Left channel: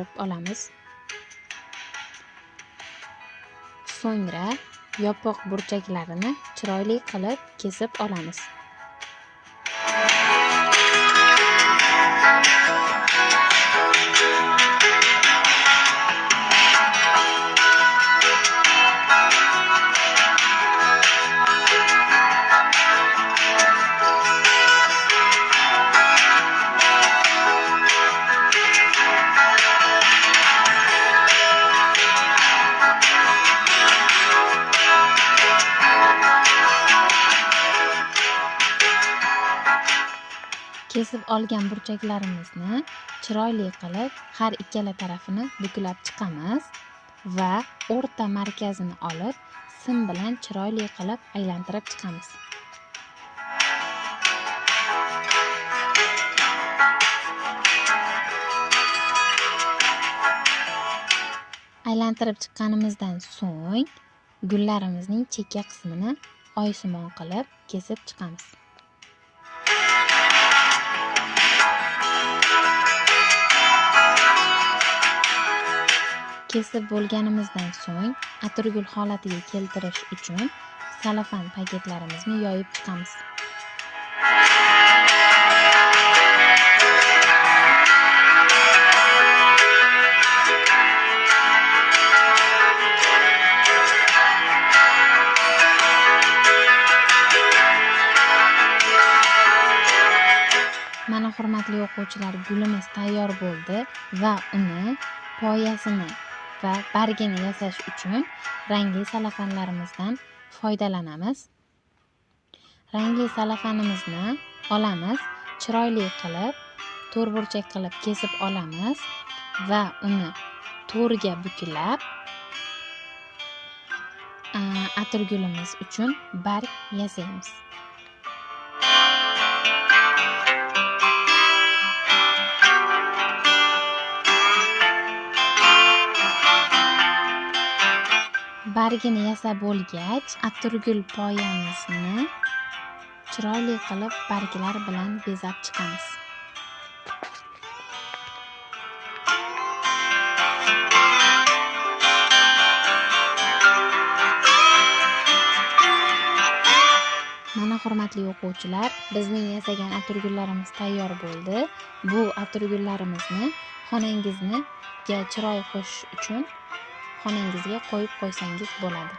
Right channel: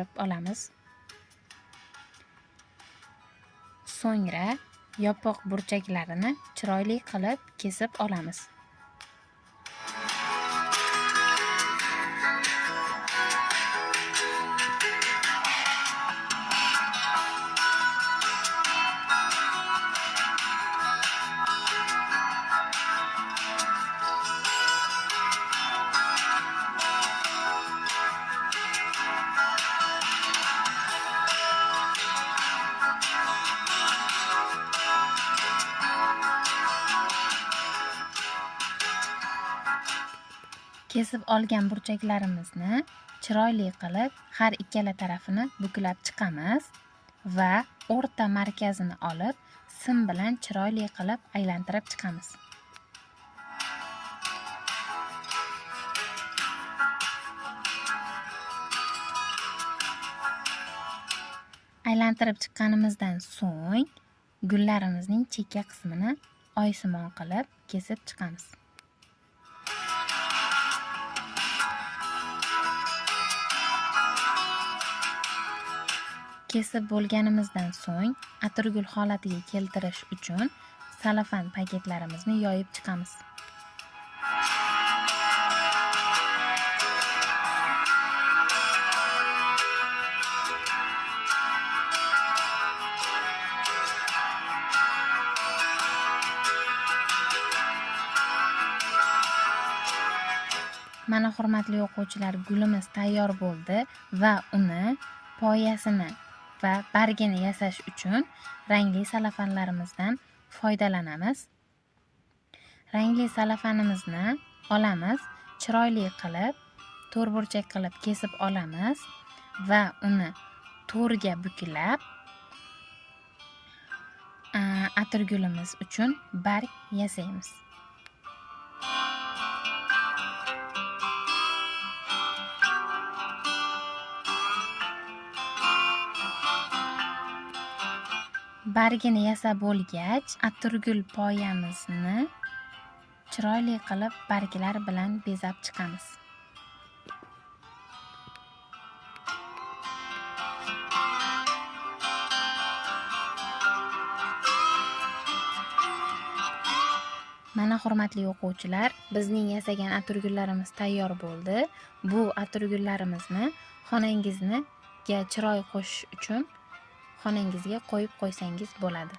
olamiz. So'ngra yopiq burchaklarini chiroyli qilib kesib olamiz. Kesib olgan burchaklarimizni chiroyli qilib har ikkala tarafini buklab chiqamiz va o'rta markazini olib sim bilan chiroyli qilib aylantirib chiqamiz. Aylantirib chiqqanimizdan so'ng gullarimizning chekka qismini oysimon qilib kesib chiqamiz. Kesib bo'lganimizdan so'ng atirgul holatiga keltirish uchun salafan paketlarimizni yoyib chiqamiz. Mana hurmatli o'quvchilar, gulimiz tayyor bo'ldi va uni poyasini va bargini yasash uchun rangli salafanlarimizdan foydalanamiz. Rangli salafanimizni olamiz, chiroyli qilib to'rtburchak qilib kesib olamiz va uni to'rga buklab atirgulimiz uchun barg yasaymiz. Bargini yasab bo'lgach, atirgul poyamizni chiroyli qilib barglar bilan bezab chiqamiz. Mana hurmatli o'quvchilar, bizning yasagan atirgullarimiz tayyor bo'ldi. Bu atirgullarimizni xonangizga chiroy qo'shish uchun xonangizga qo'yib qo'ysangiz bo'ladi.